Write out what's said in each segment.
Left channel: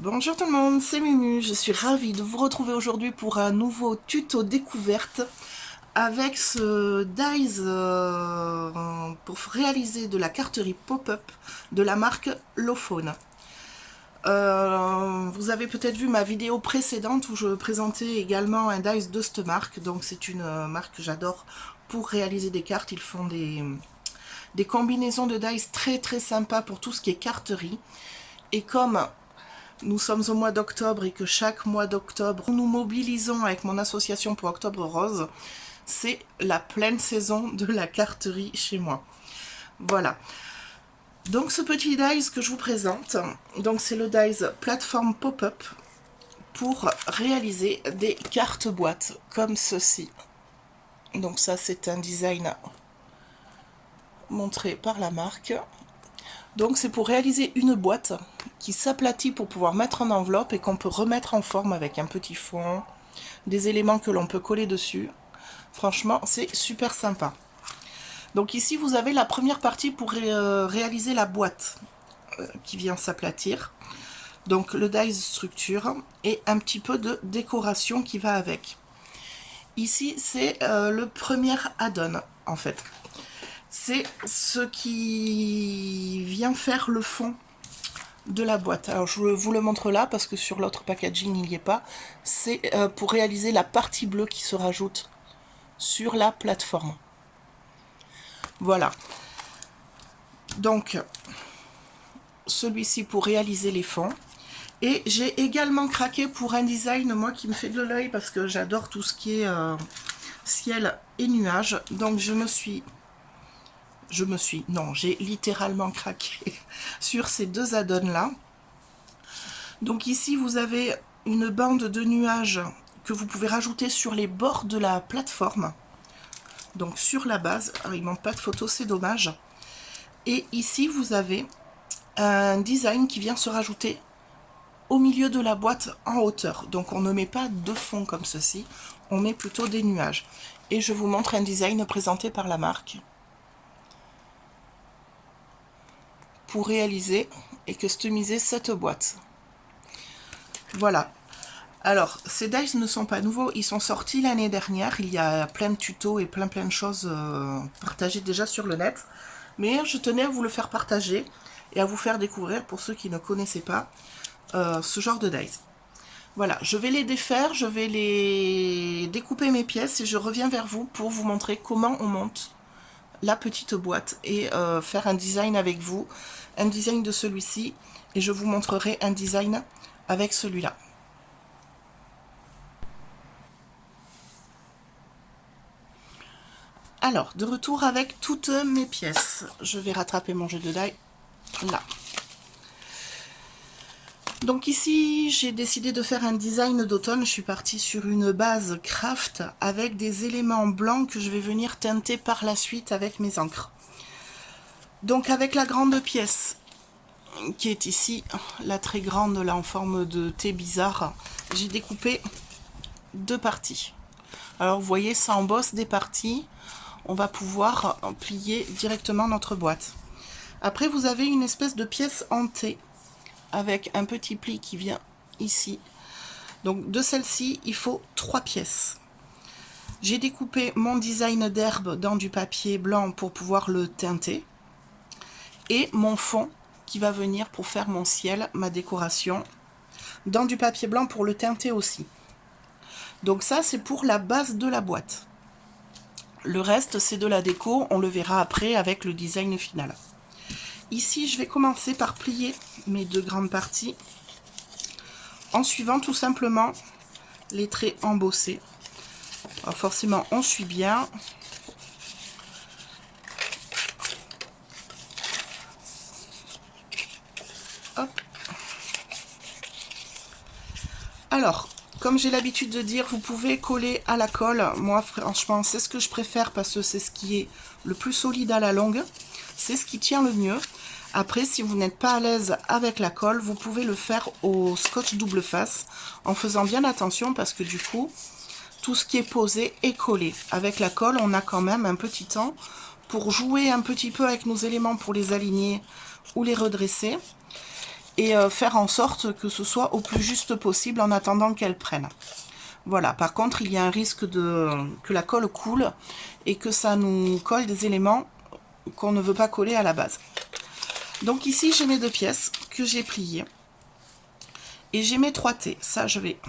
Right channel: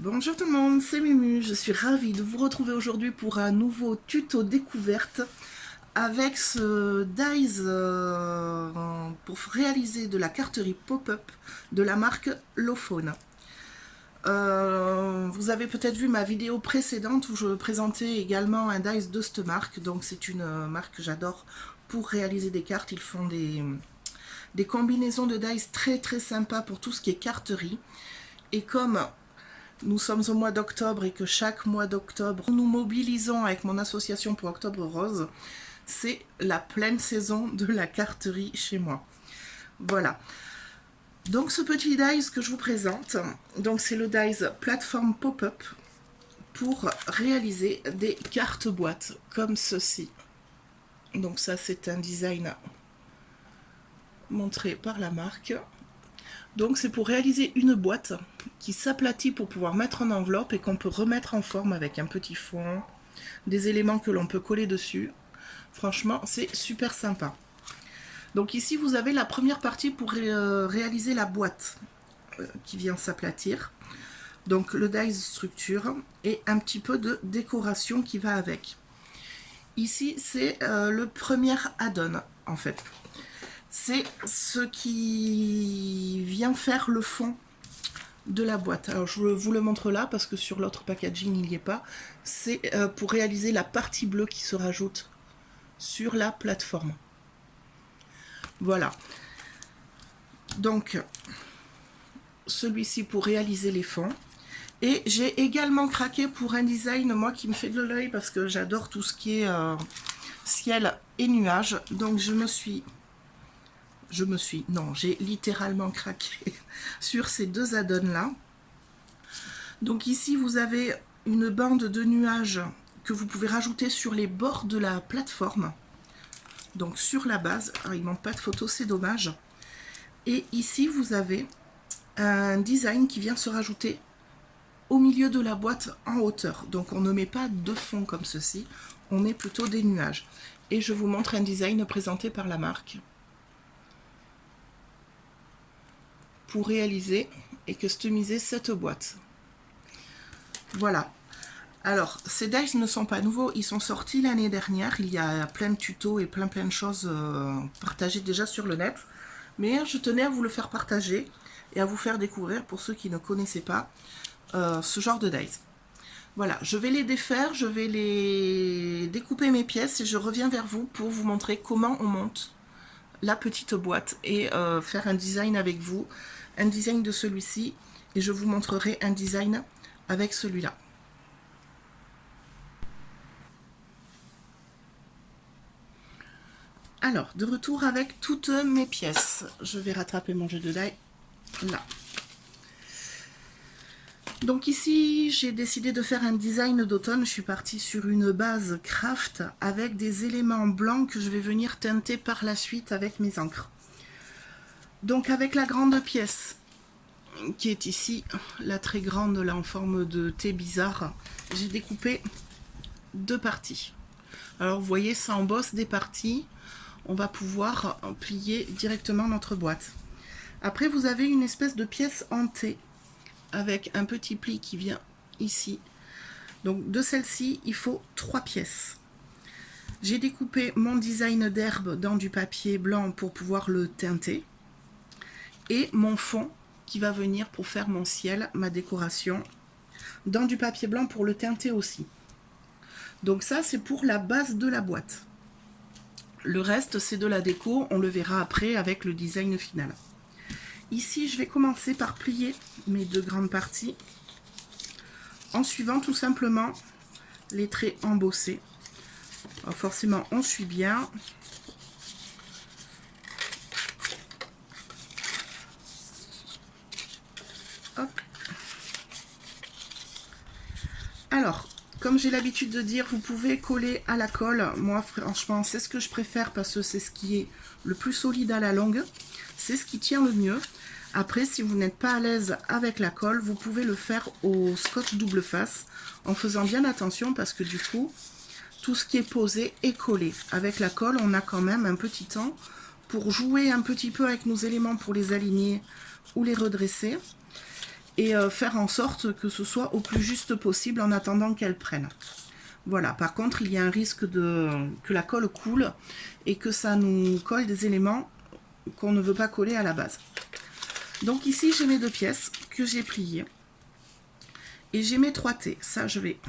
Bonjour tout le monde, c'est Mumu, je suis ravie de vous retrouver aujourd'hui pour un nouveau tuto découverte avec ce dies pour réaliser de la carterie pop-up de la marque Lofone. Vous avez peut-être vu ma vidéo précédente où je présentais également un dies de cette marque, donc c'est une marque que j'adore pour réaliser des cartes. Ils font des combinaisons de dies très très sympas pour tout ce qui est carterie. Et comme nous sommes au mois d'octobre et que chaque mois d'octobre, nous mobilisons avec mon association pour Octobre Rose, c'est la pleine saison de la carterie chez moi. Voilà. Donc ce petit dies que je vous présente, donc c'est le dies plateforme pop-up pour réaliser des cartes boîtes comme ceci. Donc ça c'est un design montré par la marque. Donc c'est pour réaliser une boîte qui s'aplatit pour pouvoir mettre en enveloppe et qu'on peut remettre en forme avec un petit fond, des éléments que l'on peut coller dessus. Franchement, c'est super sympa. Donc ici, vous avez la première partie pour réaliser la boîte qui vient s'aplatir. Donc le dies structure et un petit peu de décoration qui va avec. Ici, c'est le premier add-on en fait. C'est ce qui vient faire le fond de la boîte. Alors je vous le montre là parce que sur l'autre packaging il n'y est pas. C'est pour réaliser la partie bleue qui se rajoute sur la plateforme. Voilà. Donc celui-ci pour réaliser les fonds. Et j'ai également craqué pour un design, moi, qui me fait de l'œil parce que j'adore tout ce qui est ciel et nuages. Donc non, j'ai littéralement craqué sur ces deux add-ons là. Donc ici vous avez une bande de nuages que vous pouvez rajouter sur les bords de la plateforme, donc sur la base. Alors, il manque pas de photo, c'est dommage. Et ici vous avez un design qui vient se rajouter au milieu de la boîte en hauteur. Donc on ne met pas de fond comme ceci, on met plutôt des nuages. Et je vous montre un design présenté par la marque pour réaliser et customiser cette boîte. Voilà. Alors, ces dies ne sont pas nouveaux, ils sont sortis l'année dernière. Il y a plein de tutos et plein de choses partagées déjà sur le net. Mais je tenais à vous le faire partager et à vous faire découvrir, pour ceux qui ne connaissaient pas, ce genre de dies. Voilà, je vais les défaire, je vais les découper mes pièces et je reviens vers vous pour vous montrer comment on monte la petite boîte et faire un design avec vous, un design de celui-ci, et je vous montrerai un design avec celui-là. Alors, de retour avec toutes mes pièces. Je vais rattraper mon jeu de die là. Donc ici, j'ai décidé de faire un design d'automne. Je suis partie sur une base craft avec des éléments blancs que je vais venir teinter par la suite avec mes encres. Donc avec la grande pièce qui est ici, la très grande là en forme de T bizarre, j'ai découpé deux parties. Alors vous voyez, ça embosse des parties. On va pouvoir plier directement notre boîte. Après, vous avez une espèce de pièce en T avec un petit pli qui vient ici. Donc de celle-ci, il faut 3 pièces. J'ai découpé mon design d'herbe dans du papier blanc pour pouvoir le teinter. Et mon fond qui va venir pour faire mon ciel, ma décoration, dans du papier blanc pour le teinter aussi. Donc ça, c'est pour la base de la boîte. Le reste, c'est de la déco, on le verra après avec le design final. Ici, je vais commencer par plier mes deux grandes parties en suivant tout simplement les traits embossés. Alors forcément, on suit bien. Hop. Alors, comme j'ai l'habitude de dire, vous pouvez coller à la colle. Moi, franchement, c'est ce que je préfère parce que c'est ce qui est le plus solide à la longue. C'est ce qui tient le mieux. Après, si vous n'êtes pas à l'aise avec la colle, vous pouvez le faire au scotch double face en faisant bien attention parce que du coup, tout ce qui est posé est collé. Avec la colle, on a quand même un petit temps pour jouer un petit peu avec nos éléments pour les aligner ou les redresser. et faire en sorte que ce soit au plus juste possible en attendant qu'elle prenne. Voilà, par contre, il y a un risque que la colle coule et que ça nous colle des éléments qu'on ne veut pas coller à la base. Donc ici, j'ai mes 2 pièces que j'ai pliées. Et j'ai mes 3 T. Ça, je vais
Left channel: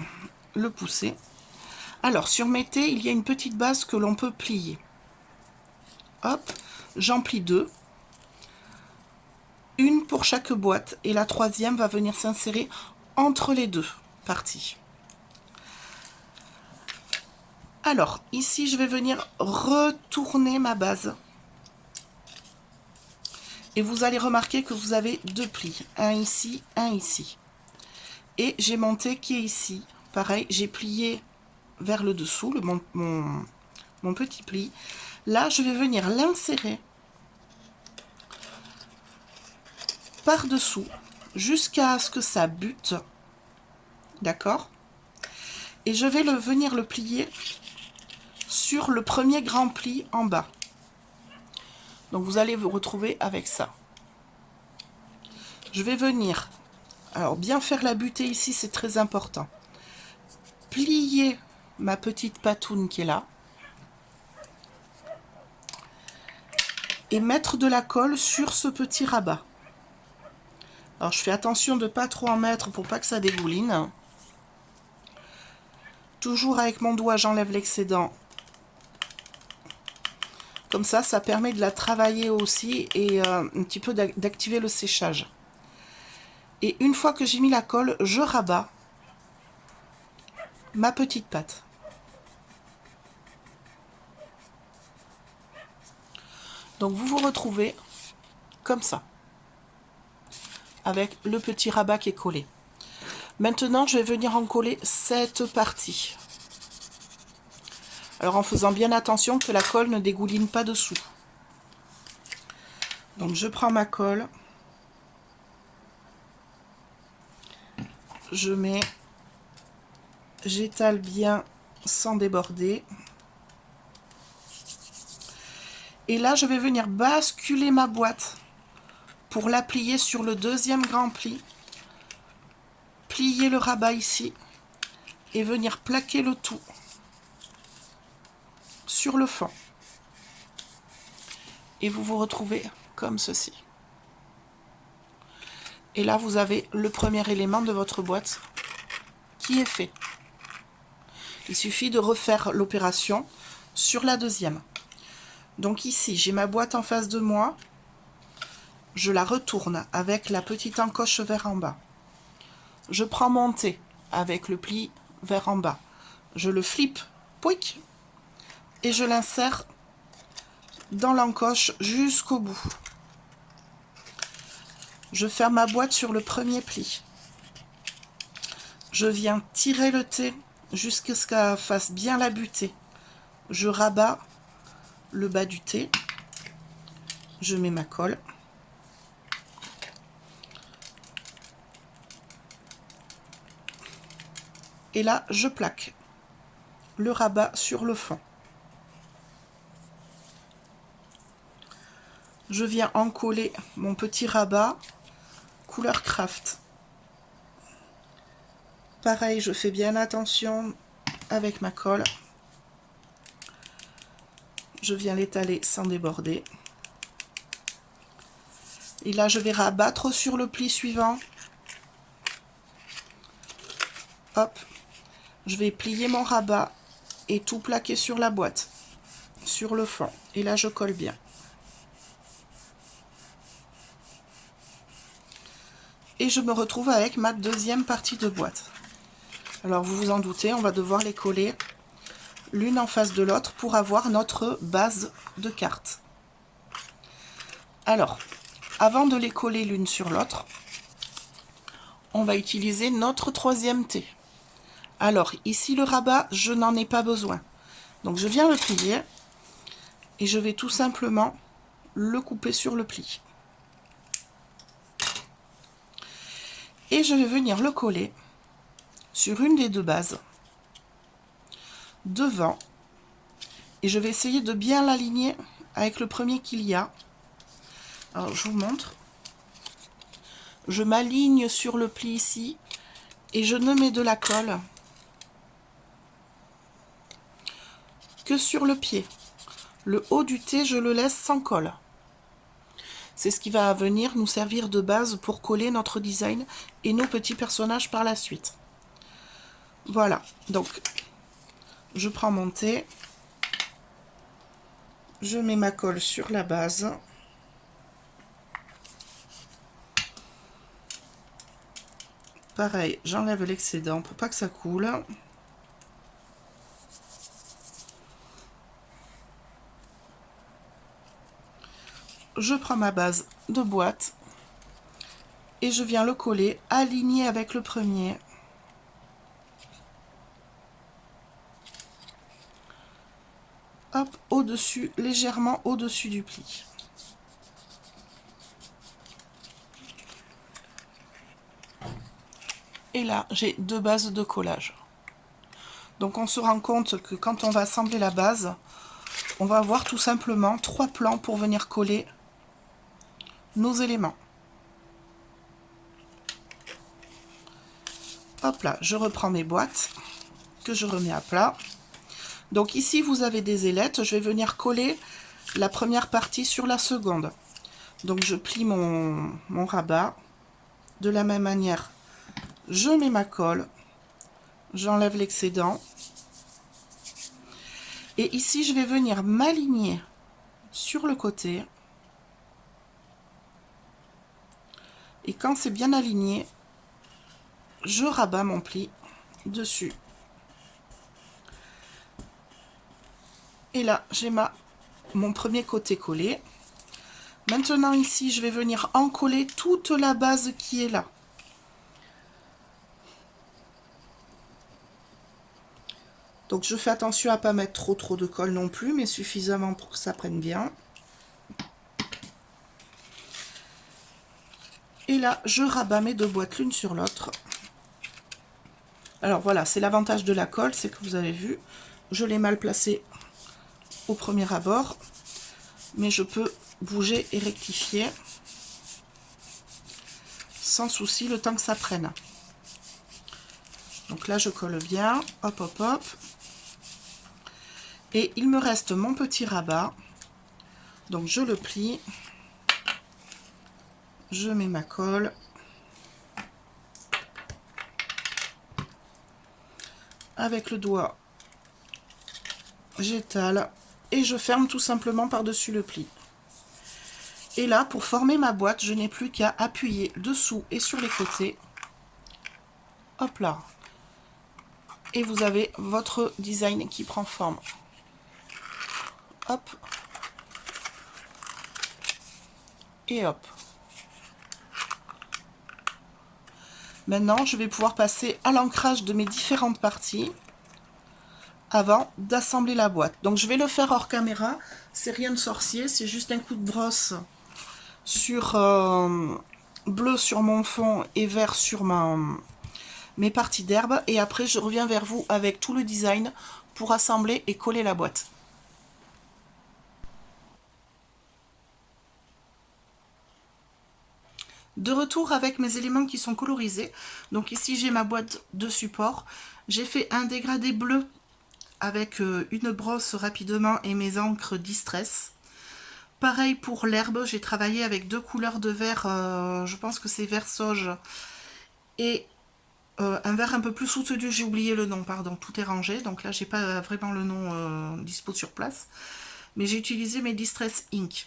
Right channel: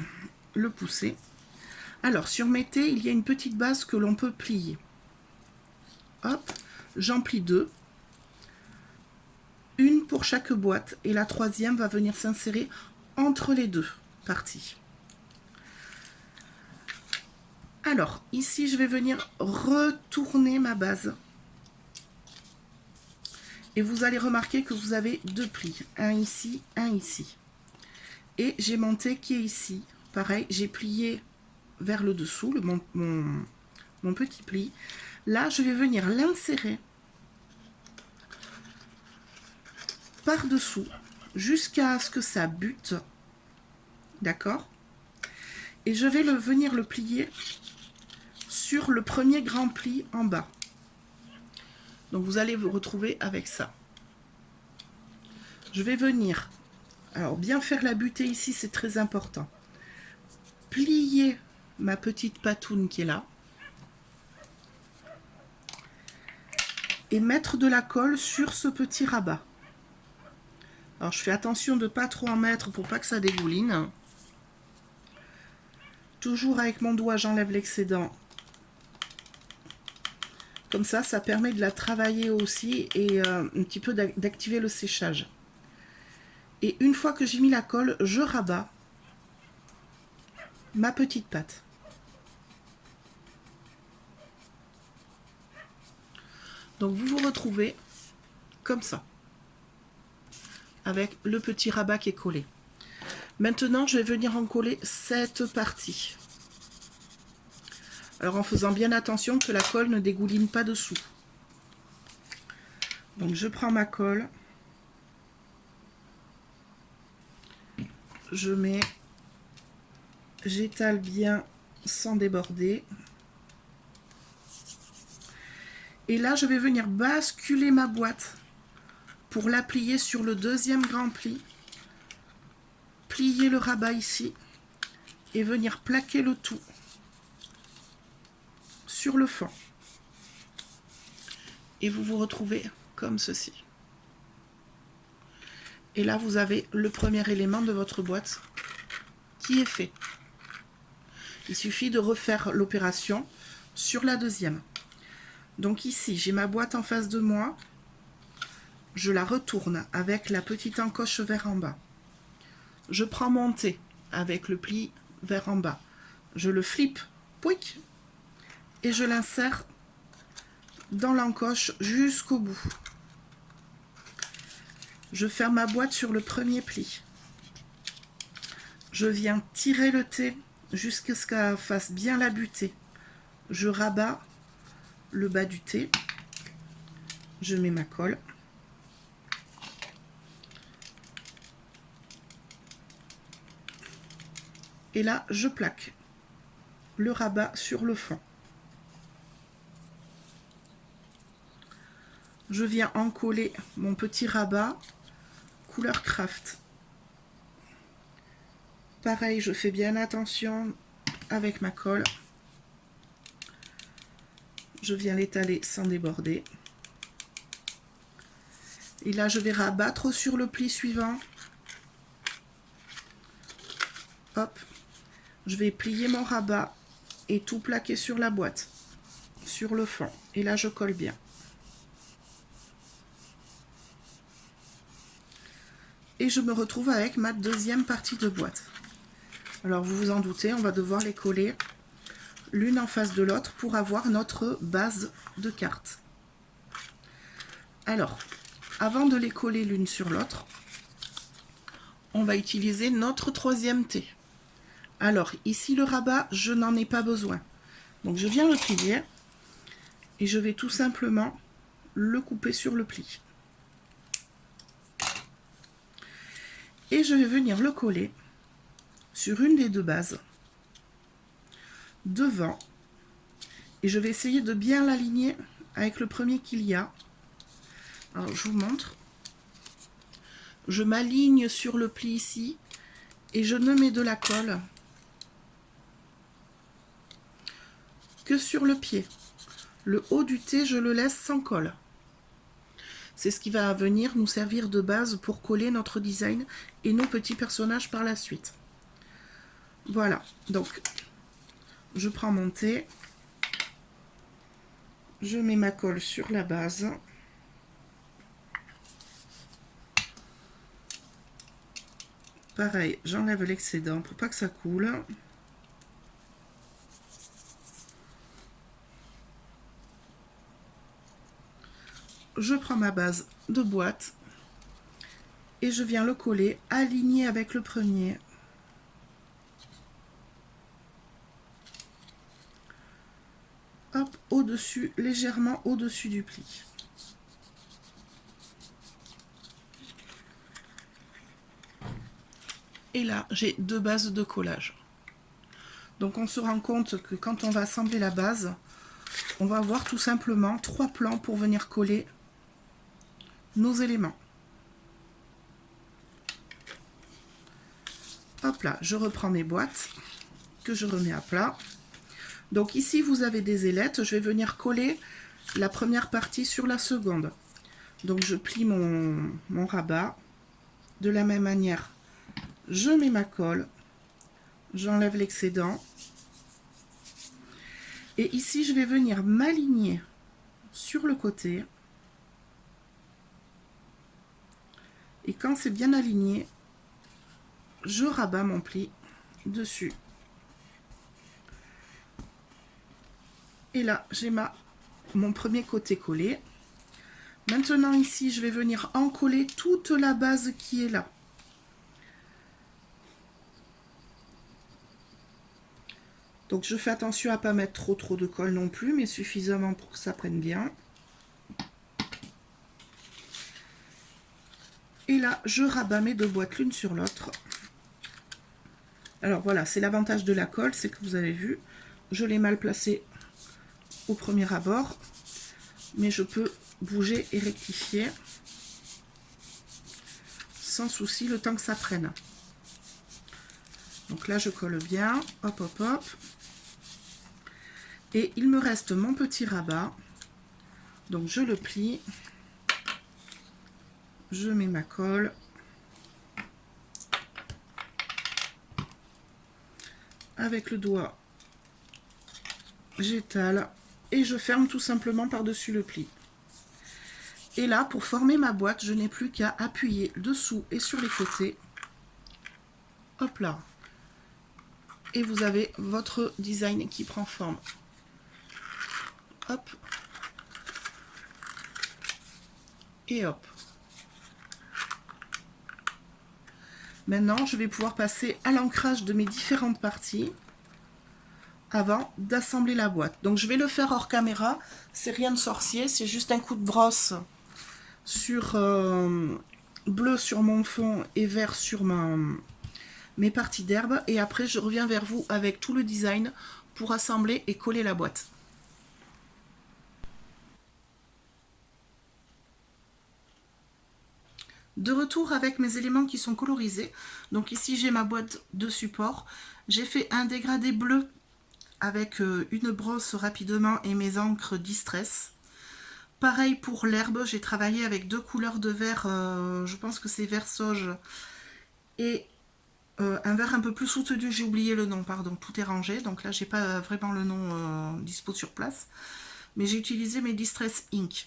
le pousser. Alors, sur mes T, il y a une petite base que l'on peut plier. Hop, j'en plie 2. Une pour chaque boîte. Et la 3e va venir s'insérer entre les 2 parties. Alors, ici, je vais venir retourner ma base. Et vous allez remarquer que vous avez 2 plis. Un ici, un ici. Et j'ai mon T qui est ici. Pareil, j'ai plié vers le dessous, mon petit pli. Là, je vais venir l'insérer par-dessous jusqu'à ce que ça bute. D'accord? Et je vais venir le plier sur le premier grand pli en bas. Donc vous allez vous retrouver avec ça. Je vais venir, alors bien faire la butée ici, c'est très important. Plier ma petite patoune qui est là. Et mettre de la colle sur ce petit rabat. Alors je fais attention de ne pas trop en mettre pour pas que ça dégouline. Toujours avec mon doigt, j'enlève l'excédent. Comme ça, ça permet de la travailler aussi et un petit peu d'activer le séchage. Et une fois que j'ai mis la colle, je rabats ma petite pâte. Donc vous vous retrouvez comme ça, avec le petit rabat qui est collé. Maintenant, je vais venir en coller cette partie. Alors en faisant bien attention que la colle ne dégouline pas dessous. Donc je prends ma colle, je mets, j'étale bien sans déborder. Et là, je vais venir basculer ma boîte pour la plier sur le deuxième grand pli. Plier le rabat ici et venir plaquer le tout sur le fond. Et vous vous retrouvez comme ceci. Et là, vous avez le premier élément de votre boîte qui est fait. Il suffit de refaire l'opération sur la deuxième. Donc ici, j'ai ma boîte en face de moi. Je la retourne avec la petite encoche vers en bas. Je prends mon T avec le pli vers en bas. Je le flippe, pouic, et je l'insère dans l'encoche jusqu'au bout. Je ferme ma boîte sur le premier pli. Je viens tirer le T jusqu'à ce qu'elle fasse bien la butée. Je rabats le bas du T. Je mets ma colle. Et là, je plaque le rabat sur le fond. Je viens en coller mon petit rabat couleur craft. Pareil, je fais bien attention avec ma colle. Je viens l'étaler sans déborder. Et là, je vais rabattre sur le pli suivant. Hop. Je vais plier mon rabat et tout plaquer sur la boîte, sur le fond. Et là, je colle bien. Et je me retrouve avec ma deuxième partie de boîte. Alors, vous vous en doutez, on va devoir les coller l'une en face de l'autre pour avoir notre base de carte. Alors, avant de les coller l'une sur l'autre, on va utiliser notre troisième T. Alors, ici, le rabat, je n'en ai pas besoin. Donc, je viens le plier et je vais tout simplement le couper sur le pli. Et je vais venir le coller sur une des deux bases, devant. Et je vais essayer de bien l'aligner avec le premier qu'il y a. Alors, je vous montre. Je m'aligne sur le pli ici et je ne mets de la colle que sur le pied. Le haut du T, je le laisse sans colle. C'est ce qui va venir nous servir de base pour coller notre design et nos petits personnages par la suite. Voilà, donc je prends mon T, je mets ma colle sur la base. Pareil, j'enlève l'excédent pour pas que ça coule. Je prends ma base de boîte et je viens le coller aligné avec le premier. Hop, au-dessus, légèrement au-dessus du pli. Et là, j'ai deux bases de collage. Donc on se rend compte que quand on va assembler la base, on va avoir tout simplement 3 plans pour venir coller nos éléments. Hop là, je reprends mes boîtes que je remets à plat. Donc ici, vous avez des ailettes. Je vais venir coller la première partie sur la seconde. Donc je plie mon rabat. De la même manière, je mets ma colle. J'enlève l'excédent. Et ici, je vais venir m'aligner sur le côté. Et quand c'est bien aligné, je rabats mon pli dessus. Et là, j'ai mon premier côté collé. Maintenant ici, je vais venir encoller toute la base qui est là. Donc je fais attention à ne pas mettre trop de colle non plus, mais suffisamment pour que ça prenne bien. Et là, je rabats mes deux boîtes l'une sur l'autre. Alors voilà, c'est l'avantage de la colle, c'est que vous avez vu, je l'ai mal placée au premier abord, mais je peux bouger et rectifier sans souci le temps que ça prenne. Donc là, je colle bien, hop, hop, hop. Et il me reste mon petit rabat. Donc je le plie. Je mets ma colle. Avec le doigt, j'étale et je ferme tout simplement par-dessus le pli. Et là, pour former ma boîte, je n'ai plus qu'à appuyer dessous et sur les côtés. Hop là. Et vous avez votre design qui prend forme. Hop. Et hop. Maintenant, je vais pouvoir passer à l'ancrage de mes différentes parties avant d'assembler la boîte. Donc, je vais le faire hors caméra. C'est rien de sorcier, c'est juste un coup de brosse sur bleu sur mon fond et vert sur mes parties d'herbe. Et après, je reviens vers vous avec tout le design pour assembler et coller la boîte. De retour avec mes éléments qui sont colorisés. Donc ici, j'ai ma boîte de support. J'ai fait un dégradé bleu avec une brosse rapidement et mes encres Distress. Pareil pour l'herbe, j'ai travaillé avec deux couleurs de vert, je pense que c'est vert sauge et un vert un peu plus soutenu, j'ai oublié le nom, pardon, tout est rangé, donc là j'ai pas vraiment le nom dispo sur place, mais j'ai utilisé mes Distress Ink.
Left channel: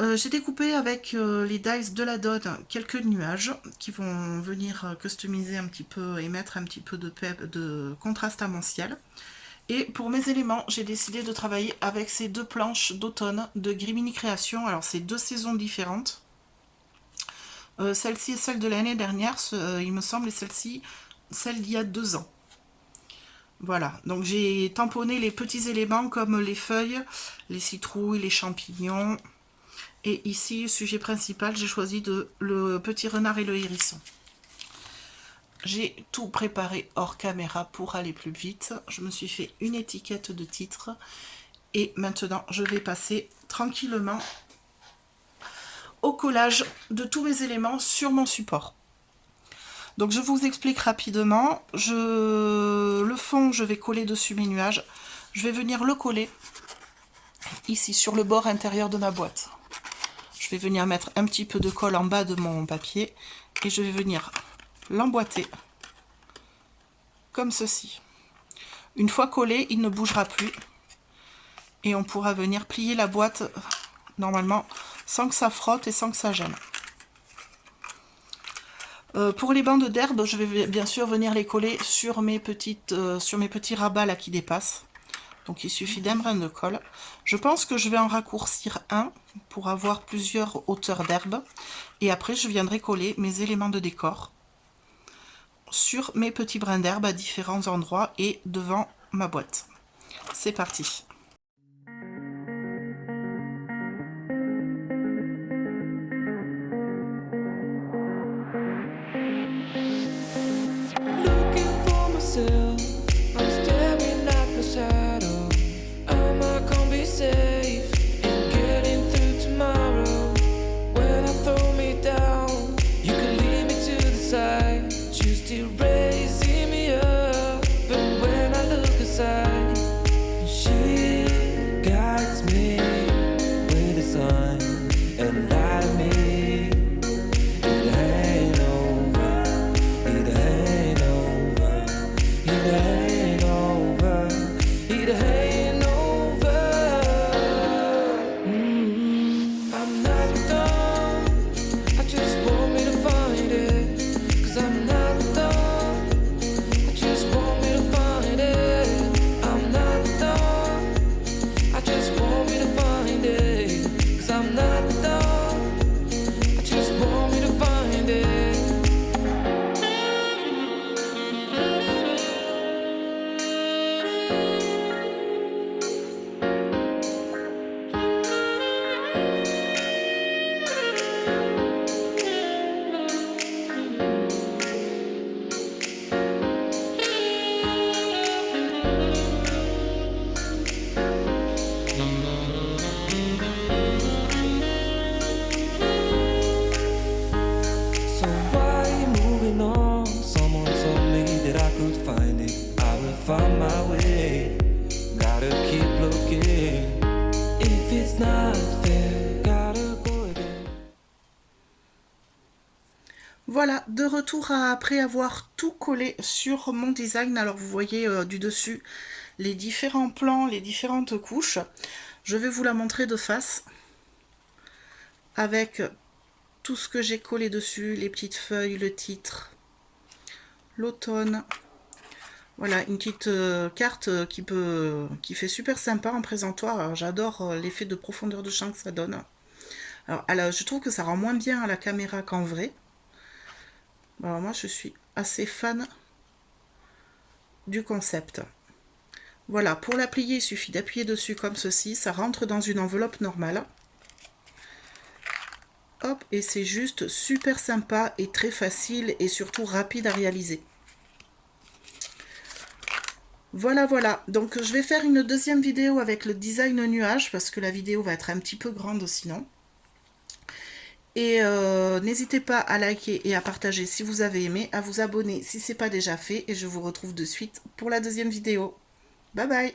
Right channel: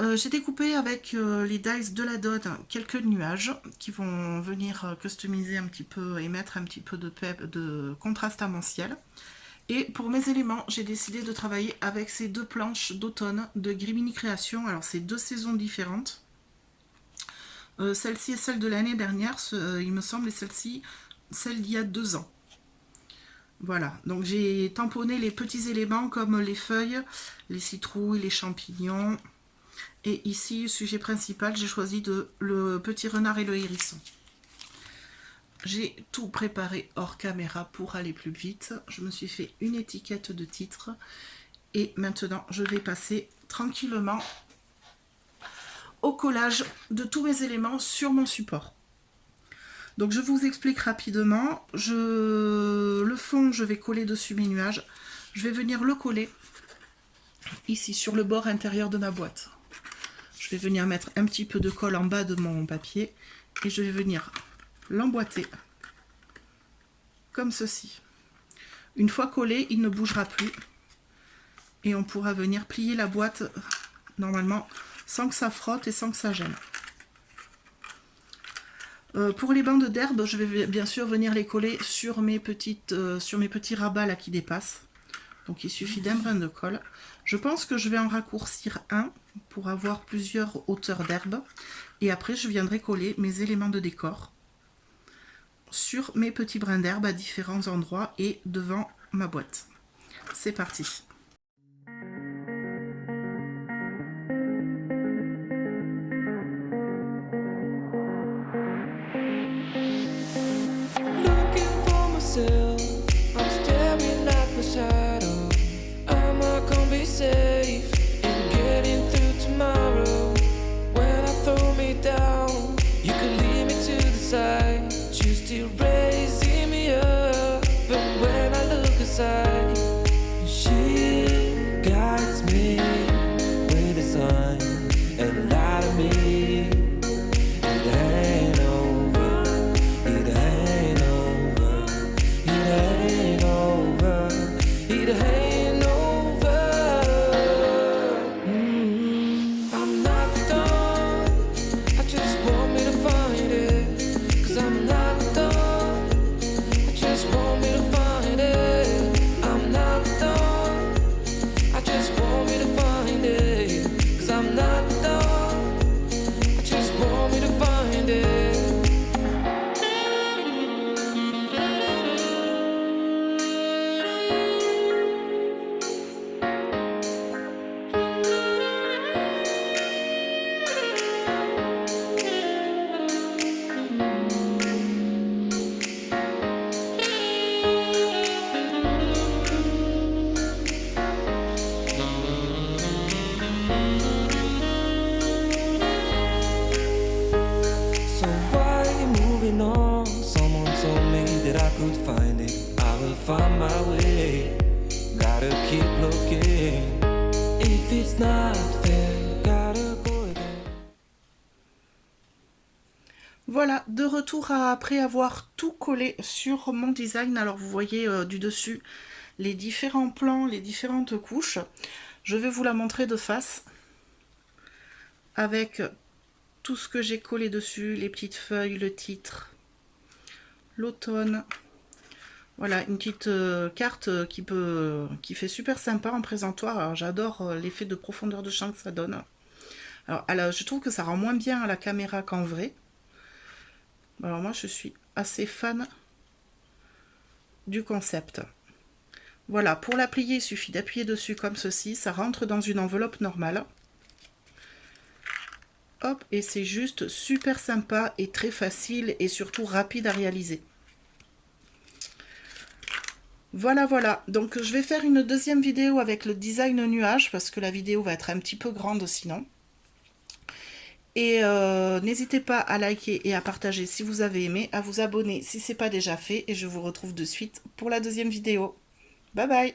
J'ai découpé avec les dies de la Dode quelques nuages qui vont venir customiser un petit peu et mettre un petit peu de contraste à mon ciel. Et pour mes éléments, j'ai décidé de travailler avec ces deux planches d'automne de Grimini Création. Alors c'est deux saisons différentes. Celle-ci est celle de l'année dernière, il me semble, et celle-ci, celle d'il y a 2 ans. Voilà, donc j'ai tamponné les petits éléments comme les feuilles, les citrouilles, les champignons. Et ici, sujet principal, j'ai choisi le petit renard et le hérisson. J'ai tout préparé hors caméra pour aller plus vite. Je me suis fait une étiquette de titre. Et maintenant, je vais passer tranquillement au collage de tous mes éléments sur mon support. Donc je vous explique rapidement. Le fond, je vais coller dessus mes nuages. Je vais venir le coller ici sur le bord intérieur de ma boîte. Je vais venir mettre un petit peu de colle en bas de mon papier et je vais venir l'emboîter comme ceci. Une fois collé, il ne bougera plus et on pourra venir plier la boîte normalement sans que ça frotte et sans que ça gêne. Pour les bandes d'herbe, je vais bien sûr venir les coller sur mes petits rabats là qui dépassent. Donc il suffit d'un brin de colle. Je pense que je vais en raccourcir un pour avoir plusieurs hauteurs d'herbe. Et après je viendrai coller mes éléments de décor sur mes petits brins d'herbe à différents endroits et devant ma boîte. C'est parti. I'm staring at my shadow. Am I gonna be safe in getting through tomorrow? When I throw me down, you could lead me to the side. You still raising me up, but when I look aside, she guides me with a sign and lie to me. So why you moving on? Someone told me that I could find it. I will find my way. Gotta keep looking. If it's not fair, gotta go again. Voilà, de retour après avoir tout collé sur mon design. Alors vous voyez du dessus les différents plans, les différentes couches. Je vais vous la montrer de face avec tout ce que j'ai collé dessus, les petites feuilles, le titre, l'automne. Voilà, une petite carte qui fait super sympa en présentoir. J'adore l'effet de profondeur de champ que ça donne. Alors, je trouve que ça rend moins bien à la caméra qu'en vrai. Alors moi, je suis assez fan du concept. Voilà, pour la plier, il suffit d'appuyer dessus comme ceci. Ça rentre dans une enveloppe normale. Hop, et c'est juste super sympa et très facile et surtout rapide à réaliser. Voilà, voilà. Donc je vais faire une deuxième vidéo avec le design nuage parce que la vidéo va être un petit peu grande sinon. Et n'hésitez pas à liker et à partager si vous avez aimé, à vous abonner si ce n'est pas déjà fait et je vous retrouve de suite pour la deuxième vidéo. Bye bye!